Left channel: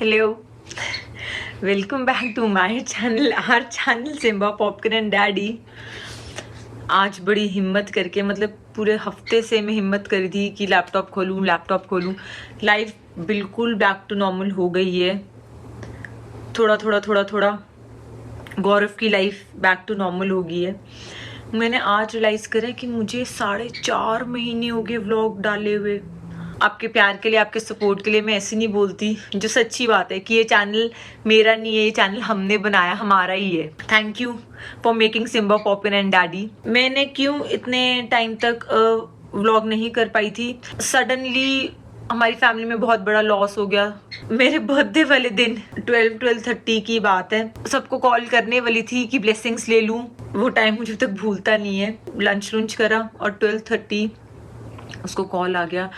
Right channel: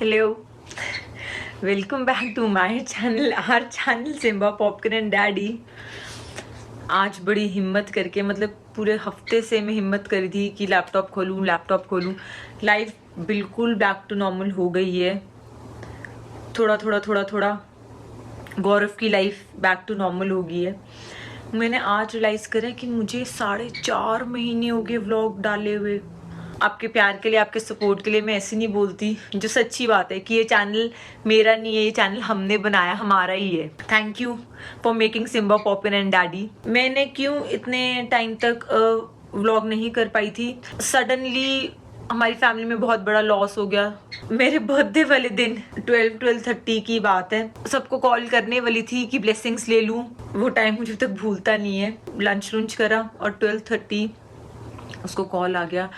Hello, welcome back to my channel, our channel Simba popcorn and daddy. आज बड़ी हिम्मत करके, मतलब पूरे हफ्ते से मैं हिम्मत करी थी कि लैपटॉप खोलूं। लाइफ बिल्कुल बैक टू नॉर्मल हो गई है। थोड़ा गौरव की लाइफ बैक टू नॉर्मल हो गई है। मैंने आज रियलाइज़ करा कि मुझे 4.5 महीने हो गए व्लॉग डाले हुए। आपके प्यार के लिए, आपके सपोर्ट के लिए मैं ऐसे नहीं बोलती, जो सच्ची बात है कि ये चैनल मेरा नहीं है, ये चैनल हमने बनाया, हमारा ही है। Thank you for making Simba popcorn and daddy. मैंने क्यों इतने टाइम तक व्लॉग नहीं कर पाई थी? सडनली हमारी फैमिली में बहुत बड़ा लॉस हो गया। मेरे बर्थडे वाले दिन 12:30 की बात है, सबको कॉल करने वाली थी कि ब्लेसिंग्स ले लूं। वो टाइम मुझे तक भूलता नहीं है। लंच करा और 12:30 उसको कॉल आ गया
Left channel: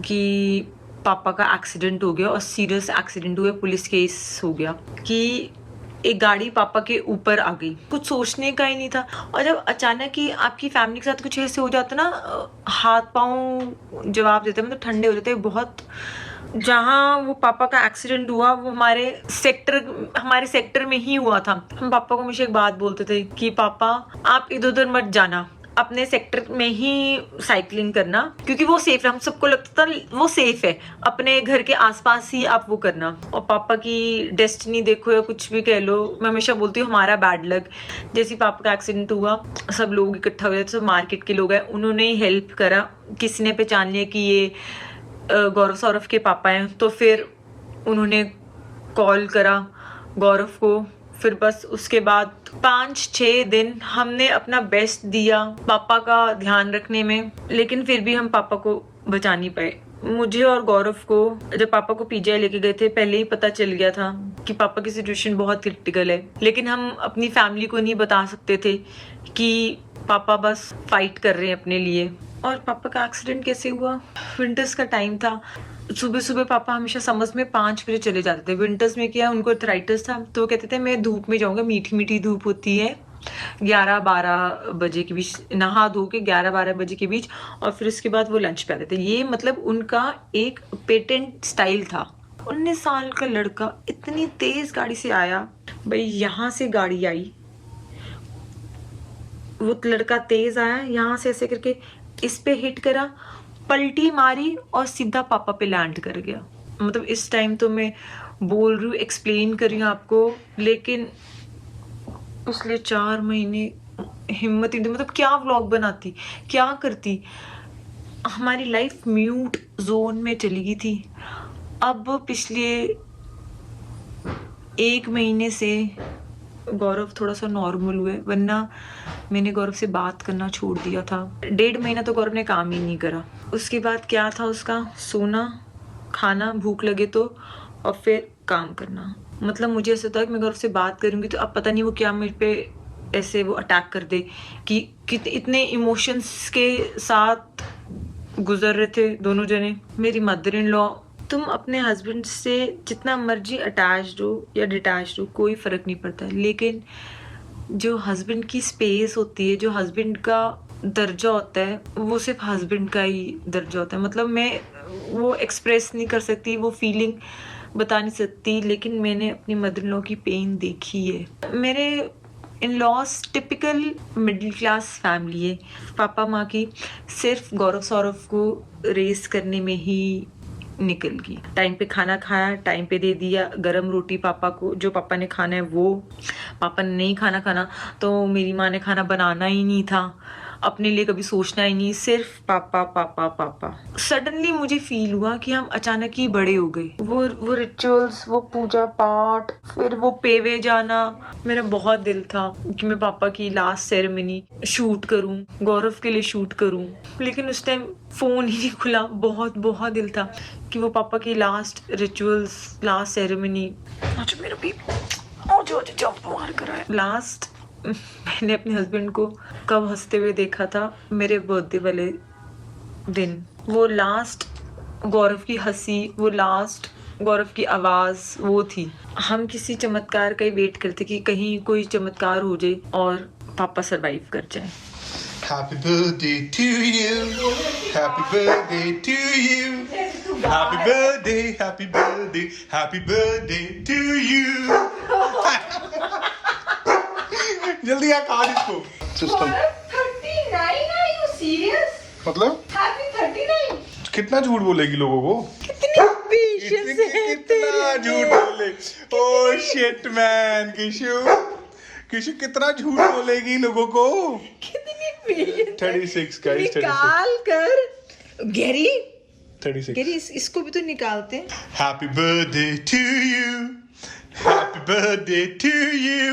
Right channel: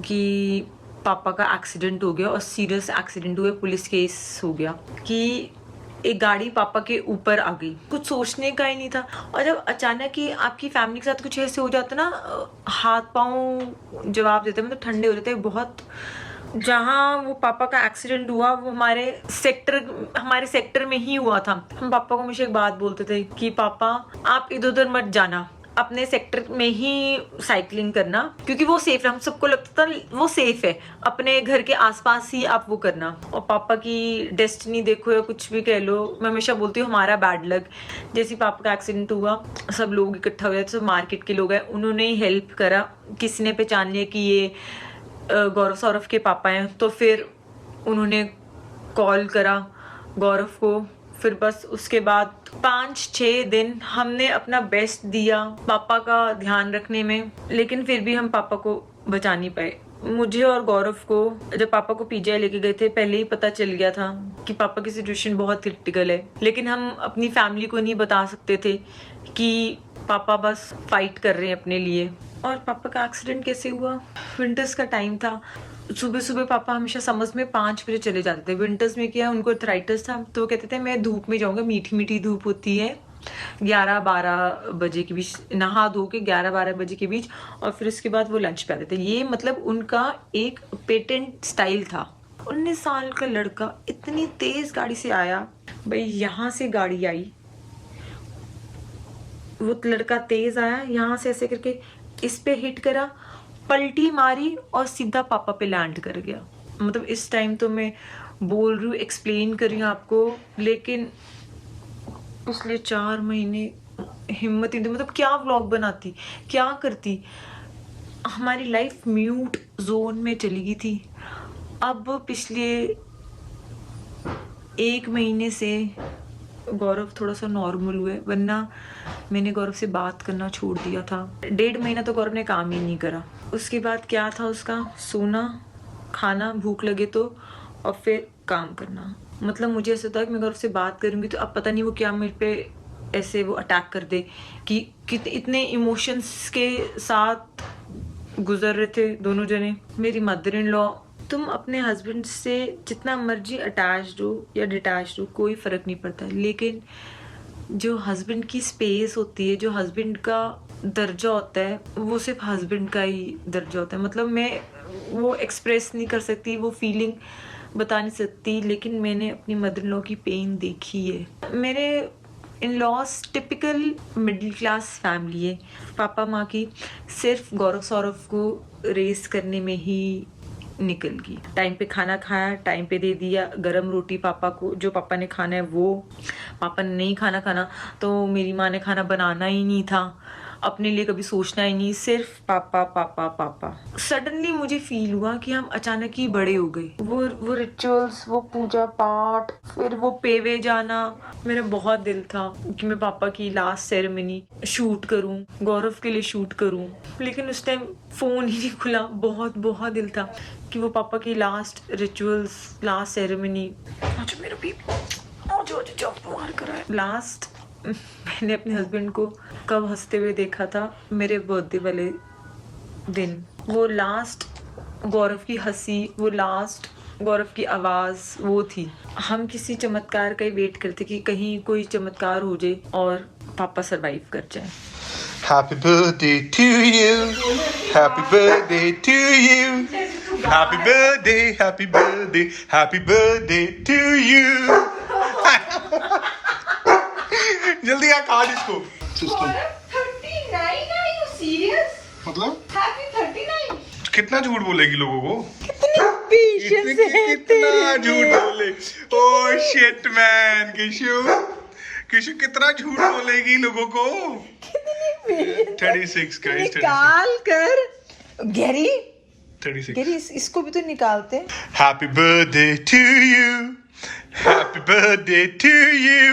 कि पापा का एक्सीडेंट हो गया और सीरियस एक्सीडेंट हुआ, पुलिस केस हो गया कि एक गाड़ी पापा के ऊपर आ गई। कुछ सोचने का ही नहीं था। और जब अचानक ही आपकी फैमिली के साथ कुछ ऐसे हो जाता ना, हाथ पांव जवाब देते, मतलब ठंडे हो जाते बहुत। जहाँ वो पापा का एक्सीडेंट हुआ वो हमारे सेक्टर में ही हुआ था। हम पापा को हमेशा एक बात बोलते थे कि पापा आप इधर उधर मत जाना, अपने सेक्टर में ही साइकिलिंग करना, क्योंकि वो सेफ है। हम सबको लगता था वो सेफ है, अपने घर के आसपास ही आप वो करना। और पापा की डेस्टिनी देखो या कुछ भी कह लो, मैं हमेशा बोलती हूँ हमारा बैड लक। जैसे पापा का एक्सीडेंट हुआ, सब लोग इकट्ठा हुए, सब मार्केट के लोग हैं, उन्होंने ही हेल्प करा। किसी ने पहचान लिया कि ये गौरव सौरभ के पापा हैं, तो फिर उन्होंने कॉल करा गौरव को। फिर बस उसके बाद 5-6 दिन हमने अपना बेस्ट दिया पापा का ध्यान रखने में, लेकिन फिर भी हम पापा को बचा नहीं पाए। मुझे और गौरव को जब पापा को पीजीआई लेके गए थे, पहले ही पता चल गया था कि पापा की सिचुएशन बहुत क्रिटिकल है, लेकिन हम अपनी फैमिली को नहीं बता सकते थे कि पापा बस फाइट कर रहे हैं अपने लिए। और पापा का एक्सीडेंट कैसे हुआ? विंटर्स का टाइम था। सुबह पापा हमेशा समर्स में 5 बजे चले जाते थे। विंटर्स में क्या, उनको अर्थराइटिस था, तो वो कहते थे मैं धूप में जाऊंगा, मीठी धूप होती है, 11-12 बजे के बीच नहा धो के 11-12 बजे के बीच, और फिर उसके बाद वो लंच पे आते थे। ये मतलब उनका एक पेटेंट स्टाइल था। 19 साल का लड़का इतनी तेज गाड़ी से आया, भाई यहाँ से गाड़ी आई, वो लड़का तेज आया, यहाँ से ऐसे करके इस पे हिट करा, पलटी मारी और सीधा पापा पे लैंड कर गया। मतलब इस टाइम तो मैं बोल रही हूँ, एक्सप्लेन कर रही हूँ आपको, लेकिन पिछले 4 महीने हिम्मत ही नहीं, मतलब क्या व्लॉग बनाती, क्या करती। हमारी लाइफ म्यूट जोन में चली गई थी। अब पिछले 1 महीने से गौरव थोड़ा सा नॉर्मल हुए, वरना मैंने गौरव से बात करना छोड़ दिया था। 1.5 महीना तो गौरव ने काम ही नहीं करा। उसके बाद क्या था उसका? सोना, खाना, भूख लगे तो, और फिर काम करना। मतलब मुझे ऐसा था कि मैं गौरव से बात करूंगी तो अब पता नहीं वो क्या मेरे पे ऐसे वो अटैक कर दे कि इतने इमोशंस के साथ गुजर रहे थे दोनों जने। मेरी मदर इन लॉ, तुम अपने हस्बैंड से जितना मर्जी अटैच्ड हो या डिटैच्ड हो, कोई फर्क नहीं पड़ता, लेकिन जो हस्बैंड की स्पेस होती है, जो हस्बैंड का दर्जा होता है, वो सिर्फ हस्बैंड का ही दर्जा होता है। मतलब मैं वो एक्सप्रेस नहीं कर सकती, वो फीलिंग बता नहीं सकती, लेकिन मैंने अपनी मदर इन लॉ की पेन देखी है। मेरे in laws typical middle class family है। पापा माँ की सिर्फ गौरव सौरभ को रेस करने में ही निकल गई। टाइम पे खाना खाया, टाइम पे दे दिया, गरम रोटी पापा को, जो पापा ने खाना है वो। पापा ने नहीं खाना तो मेरी माँ ने खाना बनाना ही नहीं था, अपने लिए कभी सोचना ही नहीं, सिर्फ पापा पापा पापा। सडनली मुझे फील हुआ कि हम अचानक ही बड़े हो गए। वो रिचुअल्स, वो पूजा पाठ, फिर वो पेवे जाना। मेरा बहुत दिल था कि मैं पापा की लास्ट सेरेमनी शूट करूं, गौरव के लिए शूट करूं, लेकिन उस टाइम फोन ही नहीं खुला। बहुत दिल था कि वो पापा की लास्ट रिचुअल्स, लास्ट सेरेमनी। अच्छा मेरा भी जब मार कराया। लास्ट मैंने अपने हस्बैंड को कब हंसते हुए देखा था? मेरे बर्थडे वाले दिन। वो लास्ट गौरव की हंसी, वो लास्ट गौरव की आवाज वो थी। हम किसी चमत्कार का ही वेट करते कि कहीं कोई चमत्कार हो जाए और पापा सरवाइव कर जाए। Happy birthday to you. Happy birthday to you. Happy birthday, happy birthday, happy birthday to you. जल्दी आ काट इसको. For 39, are you serious? मतलब Happy 39. कितना झूठ बोलेगी लोगों को? कितना झूठ बोले. Oh shit man, किशु कितना झूठ बोलेगी लोगों को. 36 का 36. निकाल कर गैरी 36. गैरी इसको भी तो निकालते हैं. Happy birthday to you. Happy birthday to you.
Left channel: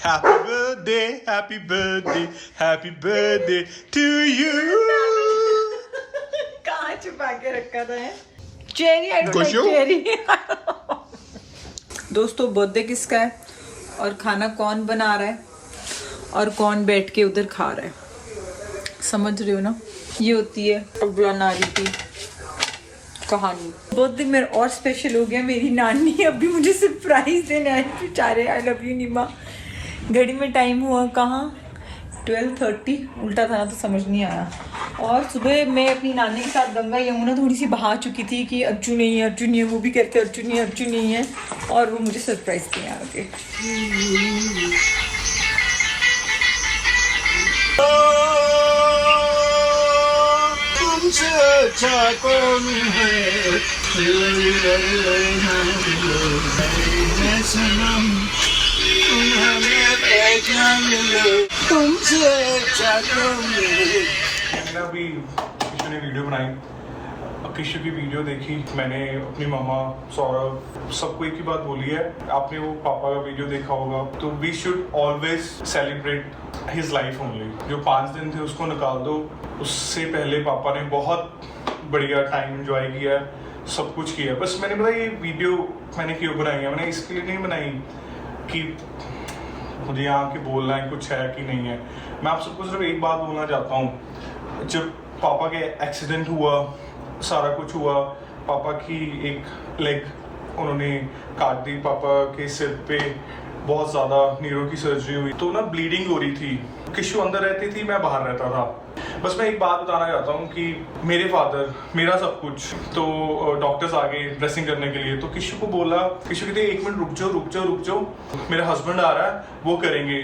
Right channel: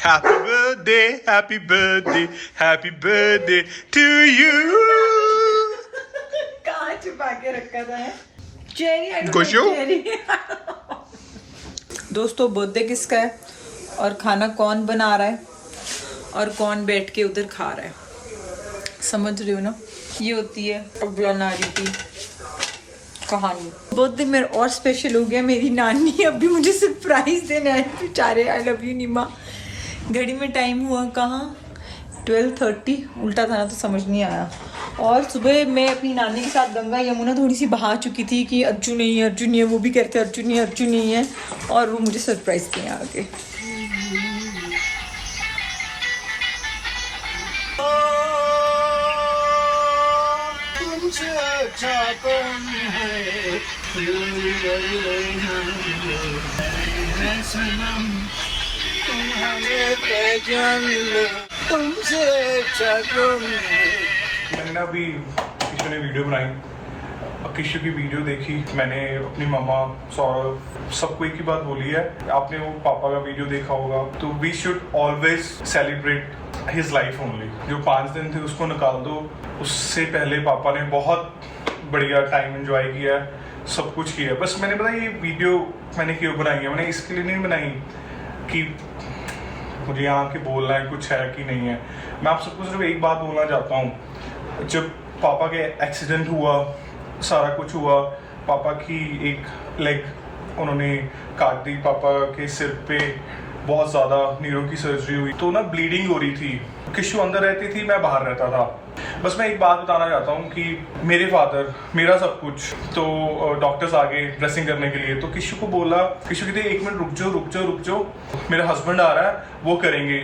Happy birthday, happy birthday, happy birthday to you. कहाँ छुपा के रखा था है? चेरी, आई डोंट खुश हो? चेरी. दोस्तों बर्थडे किसका है और खाना कौन बना रहा है और कौन बैठ के उधर खा रहा है, समझ रहे हो ना? ये होती है अगला नारी की कहानी. बर्थडे मेरा और स्पेशल हो गया. मेरी नानी अभी मुझे सरप्राइज देने आई बेचारे. आई लव यू नीमा. घड़ी में टाइम हुआ कहाँ 12:30. उल्टा था ना तो समझ नहीं आया. और सुबह मैं अपनी नानी के साथ गंगा यमुना थोड़ी सी बहा चुकी थी कि अर्जुन नहीं है, अर्जुन नहीं है. वो भी कहते अर्जुन नहीं है, अर्जुन नहीं है. और वो मुझे सरप्राइज दिया आके. मैंने ना अभी किशु ने वीडियो बनाई. अब किशु की वीडियो देखी मैंने. अपनी मम्मा सौरभ सबको एक ही बात बोली है. आपने वो पापा का वीडियो देखा होगा. तो we should always celebrate his life only. जो 5 दिन थे उसको निकाल दो. उससे पहले पापा ने बहुत बढ़िया टाइम एंजॉय किया, सब कुछ किया. बस मैंने पता ये वीडियो मैंने क्यों बनाई है. मैंने इसके लिए नहीं बनाई कि मुझे यहाँ के बोलना है कुछ है कि नहीं है. मैं आप सबको सिर्फ एक बात बोलना चाहता हूँ. जब पापा के एक्सीडेंट हुआ, सारा कुछ हुआ, पापा की एक लेग उन्होंने काट दी. पापा के सिर पे बहुत ज़्यादा नीरों की सर्जरी हुई तो ना ब्लीडिंग हो रही थी. किशु अंदर रहती थी, मैं बाहर रहता था. बस मैं एक बात बताना चाहता हूँ कि मेरे फादर मेरा सब कुछ. तो डॉक्टर्स आ गए ड्रेसिंग करने के लिए. तो किशु को बोला, किशु कहते 1 मिनट रुक जाओ, मेरा हस्बैंड आ रहा है, वो करेंगे.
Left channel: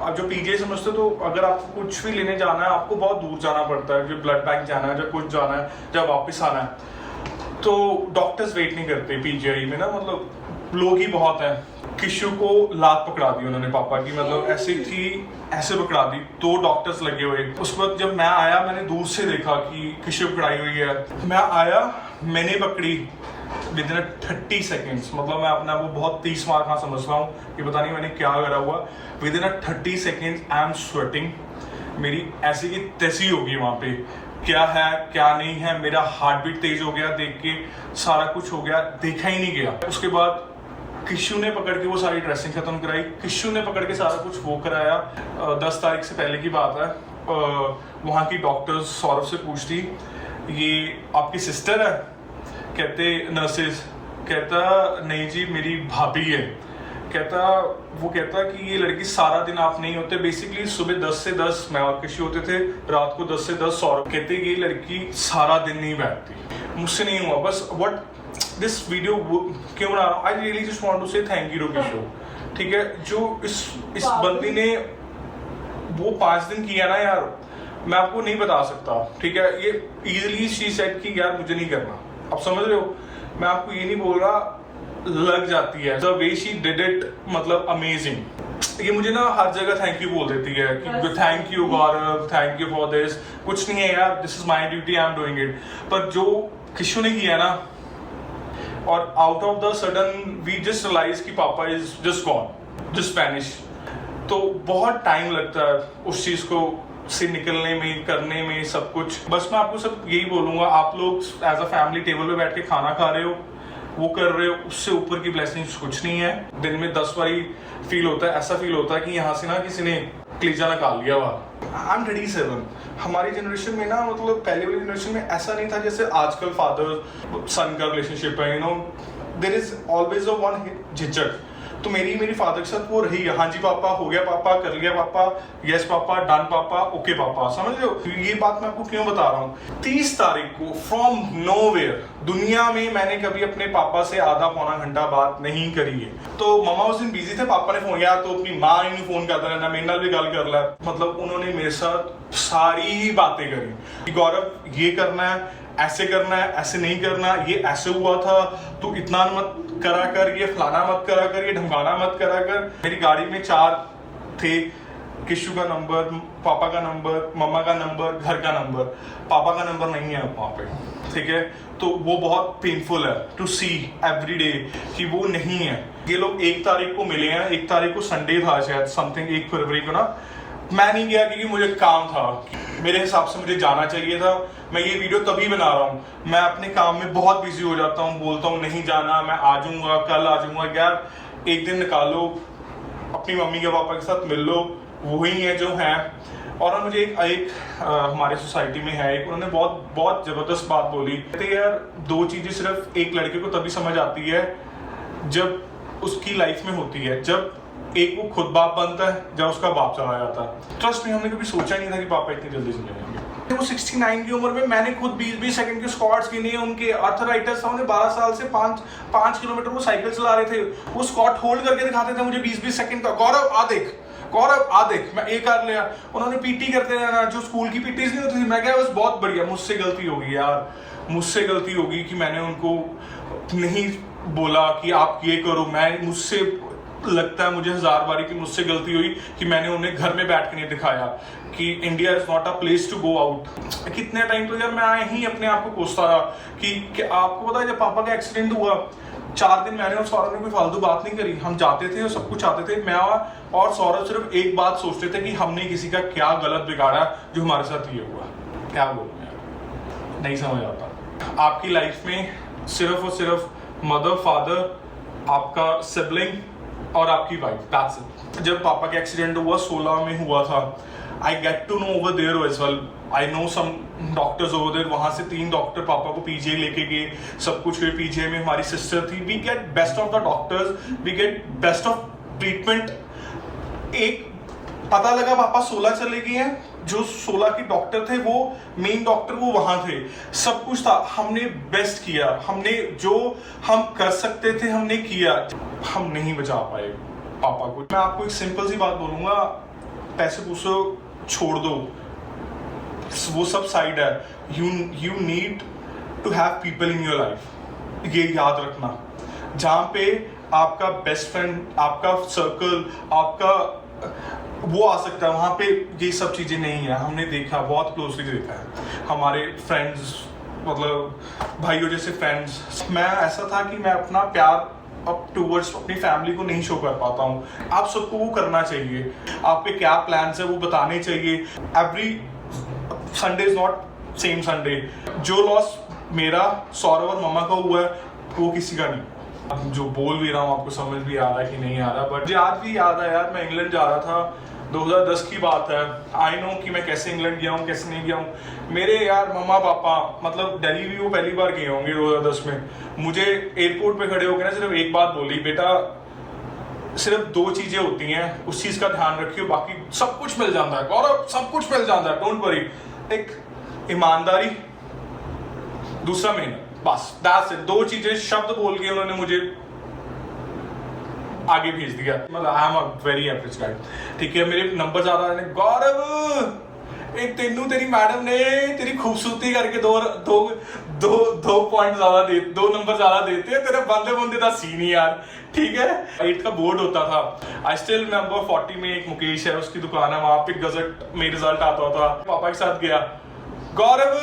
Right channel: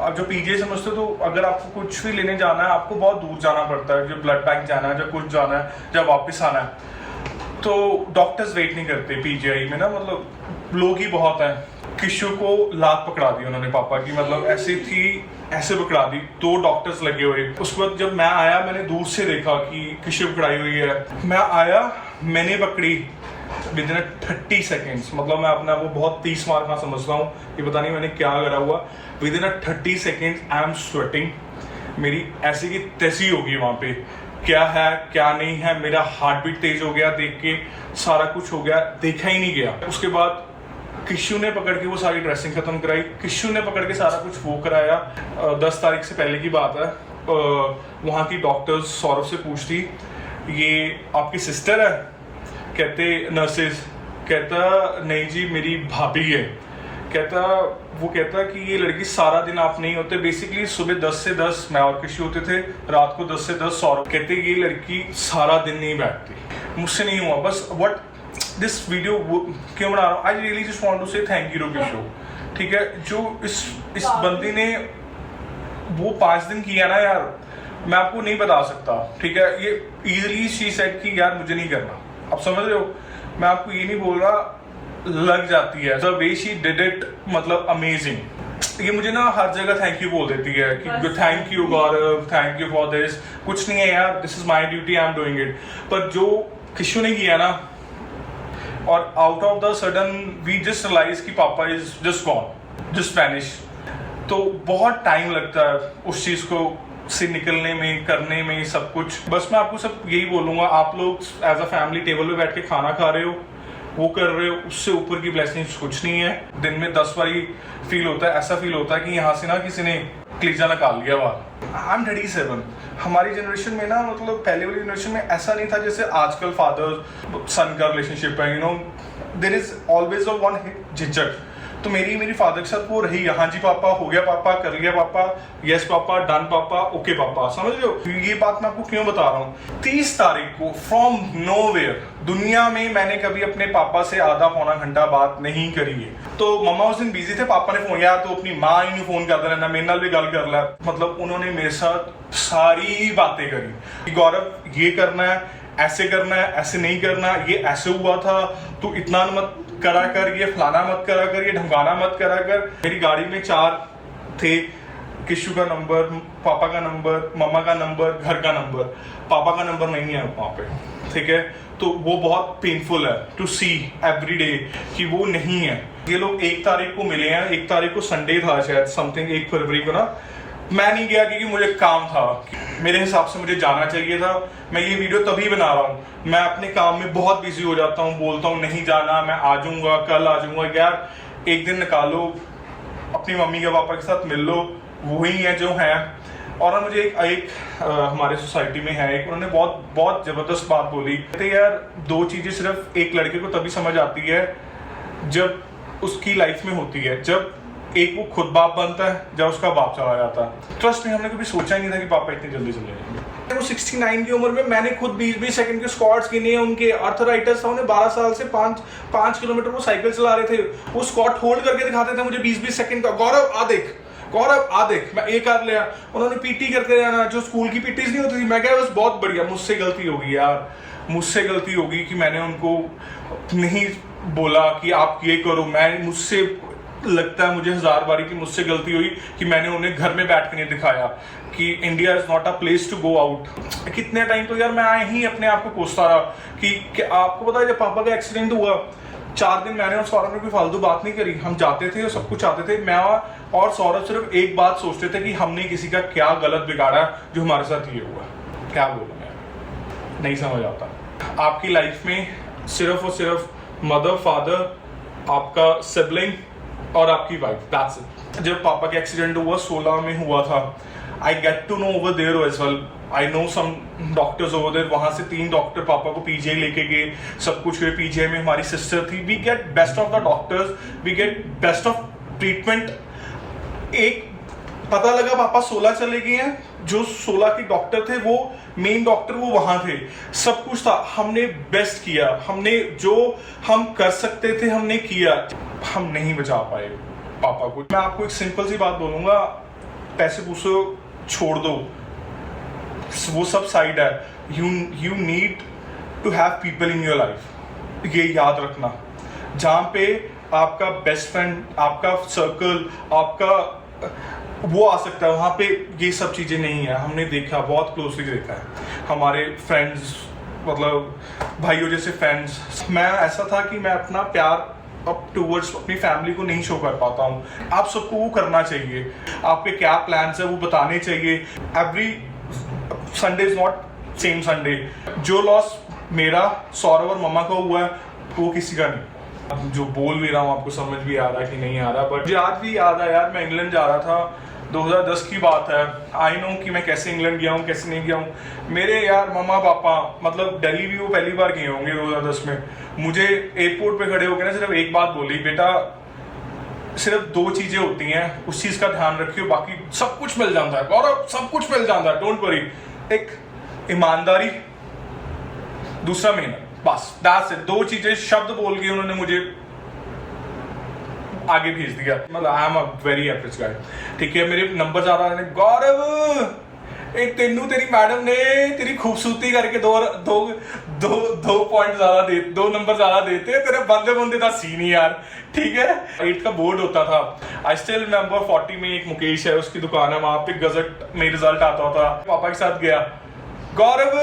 आप जो पीजीआई समझते हो तो अगर आपको कुछ भी लेने जाना है आपको बहुत दूर जाना पड़ता है. जो ब्लड बैंक जाना है, जब कुछ जाना है, जब वापस आना है, तो डॉक्टर्स वेट नहीं करते पीजीआई में ना. मतलब लोग ही बहुत हैं. किशु को लात पकड़ा दी उन्होंने पापा की. मतलब ऐसे थी, ऐसे पकड़ा दी. 2 डॉक्टर्स लगे हुए. उस वक्त जब मैं आया मैंने दूर से देखा कि किशु पकड़ाई हुई है. मैं आया, मैंने पकड़ी विद इन 30 सेकेंड्स. मतलब मैं अपना वो बहुत 30 मार खा समझता हूँ कि पता नहीं मैंने क्या करा हुआ. With in 30 seconds I am sweating. मेरी ऐसी की तैसी होगी वहाँ पे. क्या है क्या नहीं है, मेरा हार्ट बीट तेज हो गया देख के. सारा कुछ हो गया, देखा ही नहीं गया. उसके बाद किशु ने पकड़ के वो सारी ड्रेसिंग खत्म कराई. किशु ने पकड़ के सारा कुछ वो कराया. 10 तारीख से पहले की बात है. वहाँ की डॉक्टर्स सौरभ से पूछती, ये आपकी सिस्टर है? कहते नर्सेज. कहता नहीं जी मेरी भाभी है. वो कहता कि ये लड़की सारा दिन आप नहीं होते. बेसिकली सुबह 10 से 10 मैं और किशु होते थे, रात को 10 से 10 सौरभ. कहते ये लड़की सारा दिन नहीं बैठती. मुझसे नहीं हुआ. बस व्हाट दिस वीडियो क्यों बना रहा हूँ, I really just want to say thank you to Kishu. ठीक है, जो इस बंदी ने वो 5 दिन किया ना यार, मैं आपको नहीं बता सकता. ठीक है, ये इजीली शी सेड कि यार मुझे नहीं करना. आप समझ रहे हो, मैं आपको ये नहीं बोल रहा, लग जाती है. The way she did it, मतलब अमेजिंग. ये मुझे ना हर जगह थैंक यू बोल देती है कि thank you Gaurav, thank you for this. कुछ नहीं है यार, this is my duty, I am doing it. पर जो किशु ने किया ना, और out of the sudden we just realise कि papa is just gone, just vanish. तो बहुत टाइम लगता है उस चीज को से निकलने में, करने में, सब कुछ. बस मैं आपको सब यही बोलूंगा, आप लोग एज अ फैमिली टेबल पे बैठ के खाना खा रहे हो, वो कर रहे हो, उससे ऊपर की ब्लेसिंग्स कुछ नहीं है. दिन में 10 बारी फील होता है, ऐसा फील होता है कि यहाँ से ना किसी ने कलीजा निकाल लिया बाहर. I am 37. हमारी जनरेशन में ना, मतलब पहले वाली जनरेशन में ऐसा नहीं था जैसे आजकल फादर सन का रिलेशनशिप है. You know, there is always a one झिझक. तो मेरी फादर के साथ वो रही, हाँ जी पापा, हो गया पापा, कर लिया पापा, यस पापा, डन पापा, ओके पापा, समझ लो। ये बात मैं आपको क्यों बता रहा हूँ। 30 तारीख को फ्रॉम नोवेयर दुनिया में मैंने कभी अपने पापा से आधा पौना घंटा बात नहीं करी है। तो मम्मा उस दिन बिजी थे, पापा ने फोन किया तो अपनी माँ ही फोन करता रहना, मेरे नाल भी गल कर ला। मतलब उन्होंने मेरे साथ सारी बातें करी, गौरव ये करना है, ऐसे करना है, ऐसे नहीं करना, ये ऐसे हुआ था, तू इतना मत करा कर, ये फलाना मत करा कर, ये ढमकाना मत करा कर। मेरी गाड़ी में 4 थे, किशु का नंबर, पापा का नंबर, मम्मा का नंबर, घर का नंबर। पापा का नंबर नहीं है वहां पे, ठीक है। तो वो बहुत पेनफुल है टू सी एवरी डे कि वो नहीं है। ये लोग 1 तारीख को मिले हैं, 1 तारीख को संडे था शायद, समथिंग 1 फरवरी को ना। मैं नहीं गया क्योंकि मुझे काम था, मेरे हिसाब से मुझे जाना चाहिए था। मैं ये वीडियो तभी बना रहा हूँ, मैं अपने काम में बहुत बिजी हो जाता हूँ, बोलता हूँ नहीं जाना, मैं आ जाऊंगा, कल आ जाऊंगा। यार एक दिन निकालो, अपनी मम्मी के पापा के साथ मिल लो, वही है जो है। और मुझे एक हमारे सोसाइटी में है, एक उन्होंने बहुत जबरदस्त बात बोली। तो यार 2 चीजें सिर्फ एक लड़के को तभी समझ आती है जब उसकी लाइफ में होती है, जब एक वो खुद बाप बनता है, जब उसका बाप चला जाता है। ट्रस्ट में हमने कभी सोचा नहीं था कि पापा इतनी जल्दी चले जाएंगे। वो 69 की उम्र में मैंने खुद 20-20 सेकंड के स्क्वाट्स गिने, उनके आर्थराइटिस था, उन्हें 12 साल से 5 किलोमीटर वो साइकिल चला रहे थे, वो स्क्वाट होल्ड करके दिखाते थे मुझे 20-20 सेकंड का। गौरव आ देख, गौरव आ देख, मैं एक कर लिया। उन्होंने पीटी करते रहना, जो स्कूल की पीटीज नहीं होती थी। मैं कह बस बहुत बढ़िया, मुझसे गलती होगी यार, मुझसे गलती होगी कि मैंने उनको नहीं बोला कि आप ये करो। मुझसे लगता है मुझे 1000 बारी कि मुझसे गलती हुई कि मैंने उन्हें घर में बैठ के नहीं दिखाया कि India is not a place to go out. कितने टाइम तो यार मैं ही अपने आप को कोसता रहा कि आपको पता है जब पापा का एक्सीडेंट हुआ 4 दिन मैंने और सौरभ ने कोई फालतू बात नहीं करी। हम जाते थे और सब कुछ आते थे, मैं और सौरभ सिर्फ एक बात सोचते थे कि हमने किसी का क्या गलत बिगाड़ा जो हमारे साथ ये हुआ। क्या बोलूं यार, नहीं समझ आता। आपकी लाइफ में सिर्फ और सिर्फ मदर, फादर, आपका सिबलिंग और आपकी वाइफ, दैट्स इट। जब पापा का एक्सीडेंट हुआ 16 में हुआ था, I get to know over there as well, I know some doctors over there. वहां से 3 डॉक्टर पापा को पीजीआई लेके गए, सब कुछ हुए। पीजीआई में हमारी सिस्टर थी। We get best of the doctors, we get best of treatment. एक पता लगा पापा 16 चले गए हैं, जो 16 के डॉक्टर थे वो मेन डॉक्टर वो वहां थे, सब कुछ था। हमने बेस्ट किया, हमने जो हम कर सकते थे हमने किया, हम नहीं बचा पाए पापा को। मैं आपको एक सिंपल सी बात बोलूंगा, पैसे पूछो छोड़ दो, वो सब साइड है। You need to have people in your life, ये याद रखना। जहां पे आपका बेस्ट फ्रेंड, आपका सर्कल, आपका वो आ सकता है, वहां पे ये सब चीजें नहीं है। हमने देखा, बहुत क्लोजली देखा है हमारे फ्रेंड्स, मतलब भाइयों जैसे फ्रेंड्स। मैं ऐसा था कि मैं अपना प्यार अब टूवर्ड्स अपनी फैमिली को नहीं शो कर पाता हूँ। आप सबको वो करना चाहिए, आपके क्या प्लान्स है वो बताने चाहिए। Every Sunday is not same Sunday. जो लॉस मेरा, सौरभ और मम्मा का हुआ है वो किसी का नहीं। जो बोल भी रहा हूँ आपको समझ भी आ रहा है कि नहीं आ रहा, बट मुझे आज भी याद है यार, मैं इंग्लैंड जा रहा था, 2010 की बात है। आई नो कि मैं कैसे इंग्लैंड गया हूँ, कैसे नहीं गया हूँ। मेरे यार मम्मा पापा, मतलब दिल्ली भी वो पहली बार गए होंगे 2010 में। मुझे एयरपोर्ट पे खड़े होकर ना सिर्फ एक बात बोली, बेटा सिर्फ 2 चीजें होती हैं, उस चीज का ध्यान रखियो, बाकी सब कुछ मिल जाता है। और सब कुछ मिल जाता है, डोंट वरी। एक ईमानदारी, दूसरा मेहनत, बस दैट्स इट। 2 चीजें शब्द बोल के उन्होंने मुझे आगे भेज दिया। मतलब I am a very average guy, ठीक है। मेरे नंबर ज्यादा आने, गौरव एक तेनू तेरी मैडम ने तेरी खूबसूरती करके 2 पॉइंट ज्यादा दे, 2 नंबर ज्यादा देते, तेरे बंदे बंदे का सीन ही यार, ठीक है। 8 का बोर्ड होता था, आई स्टिल रिमेंबर 40 में एक मुकेश है, उसकी दुकान है, वहां पे गजट में रिजल्ट आता था। पापा के साथ गया, गौरव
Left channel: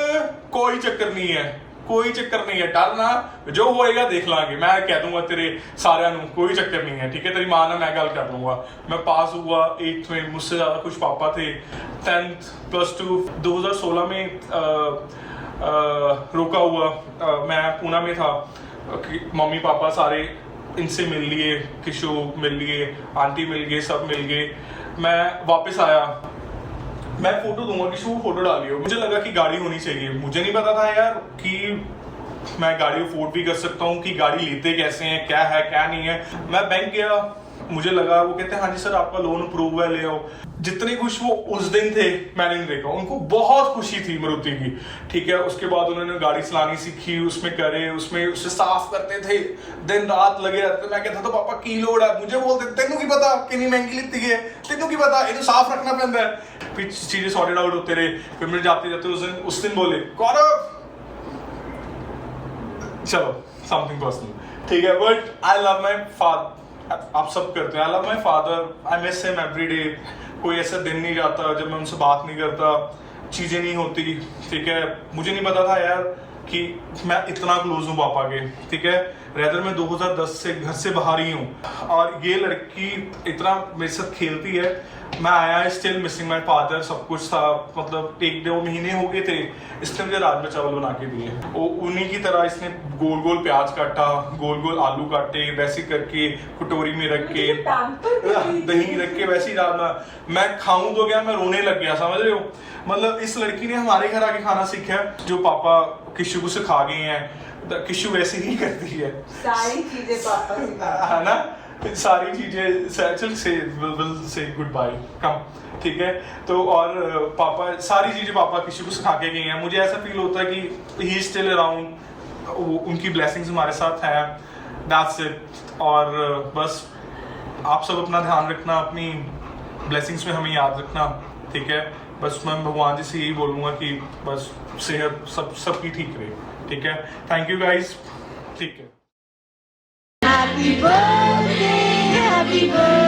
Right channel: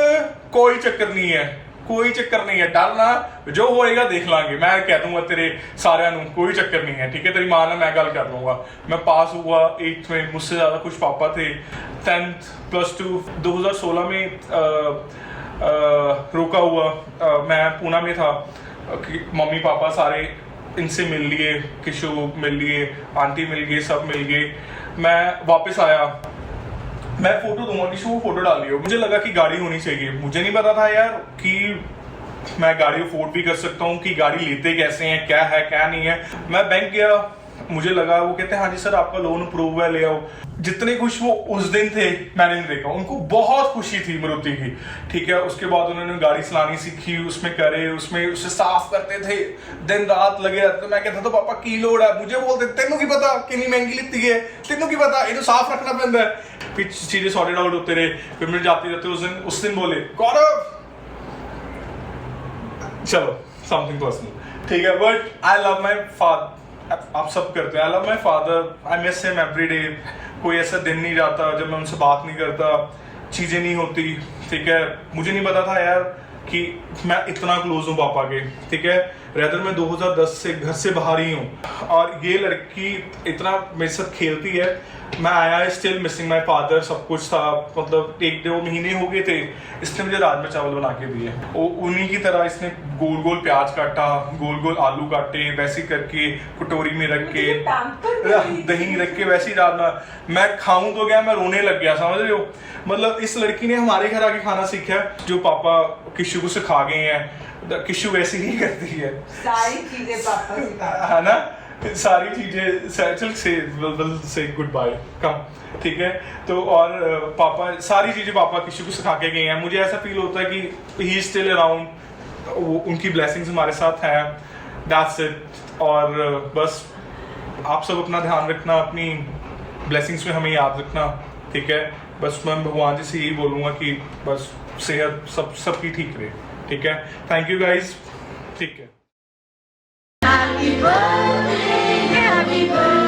कोई चक्कर नहीं है, कोई चक्कर नहीं है, डरना, जो होएगा देख लांगे। मैं कह दूंगा तेरे सारे नू, कोई चक्कर नहीं है, ठीक है। तेरी मां ना मैं गल कर लूंगा। मैं पास हुआ 8th में, मुझसे ज्यादा कुछ पापा थे। 10th +2 2016 में रोका हुआ। मैं पूना में था, मम्मी पापा सारे इनसे मिल लिए, किशु मिल लिए, आंटी मिल गए, सब मिल गए। मैं वापस आया, मैं फोटो दूंगा, किसी को फोटो डाल लियो। मुझे लगा कि गाड़ी होनी चाहिए। मुझे नहीं पता था यार कि मैं गाड़ी अफोर्ड भी कर सकता हूँ, कि गाड़ी लेते कैसे हैं, क्या है क्या नहीं है। मैं बैंक गया, मुझे लगा वो कहते हैं हाँ जी सर आपका लोन अप्रूव हुआ, ले आओ। जितने खुश वो उस दिन थे मैंने नहीं देखा। उनको बहुत खुशी थी मारुति की, ठीक है। उसके बाद उन्होंने गाड़ी चलानी सीखी, उसमें करे, उसमें उसे साफ करते थे, दिन रात लगे रहते। मैं कहता था पापा की लोड है, मुझे बोलते तेनों की पता कितनी महंगी लिखती है, तेनों की पता ये तो साफ रखना पैंदा है। फिर चीजें सॉर्टेड आउट होते रहे, फिर मिल जाते रहते। उस दिन बोले गौरव चलो समथिंग पर्सनल, ठीक है, but I love my father. आप सब करते हैं, I love my father, I miss him every day. कोई ऐसा दिन नहीं जाता जब मैं उनसे बात नहीं करता, चीजें नहीं होती, ठीक है। मुझे नहीं पता था यार कि मैं इतना क्लोज हूँ पापा के, ठीक है। रेदर मैं 2010 से घर से बाहर ही हूँ और ये लड़की इतना मेरे साथ खेलती है। मैं आया स्टिल मिसिंग माई फादर, सब कुछ था, मतलब 1-2 महीने हो गए थे, इसने मुझे राजमा चावल बना के दिए। उन्हीं की तरह इसने गोल गोल प्याज काटा, गोल गोल आलू काटे, वैसे करके कटोरी में रख के दही रख के वैसे ही डालना। मैं खाऊं तो क्या, मैं रोने लग गया, समझ रहे हो। मतलब इस लड़की ने हमारे घर आके खाना सीखा है, जो पापा किशु को सिखा गए हैं। किशु वैसे ही करती है सारी चीजें पापा सिखा, है ना, सारी चीजें। चल से गुड बाय कम, ठीक है। तो और पापा सारी चीजें पापा किशु को सिखा के गए हैं। मुझे ऐसा फील होता है कि ही इज स्टिल अराउंड, वो उनकी ब्लेसिंग्स हमारे साथ है, दैट्स इट। और बस आप सब अपना ध्यान रखना, अपनी ब्लेसिंग्स में हमें याद रखना, ठीक है। बस मैं भगवान जी से यही बोलूँगा कि बस सेहत सबकी ठीक रहे, ठीक है। थैंक यू गाइज, ठीक है। Happy birthday, happy birthday.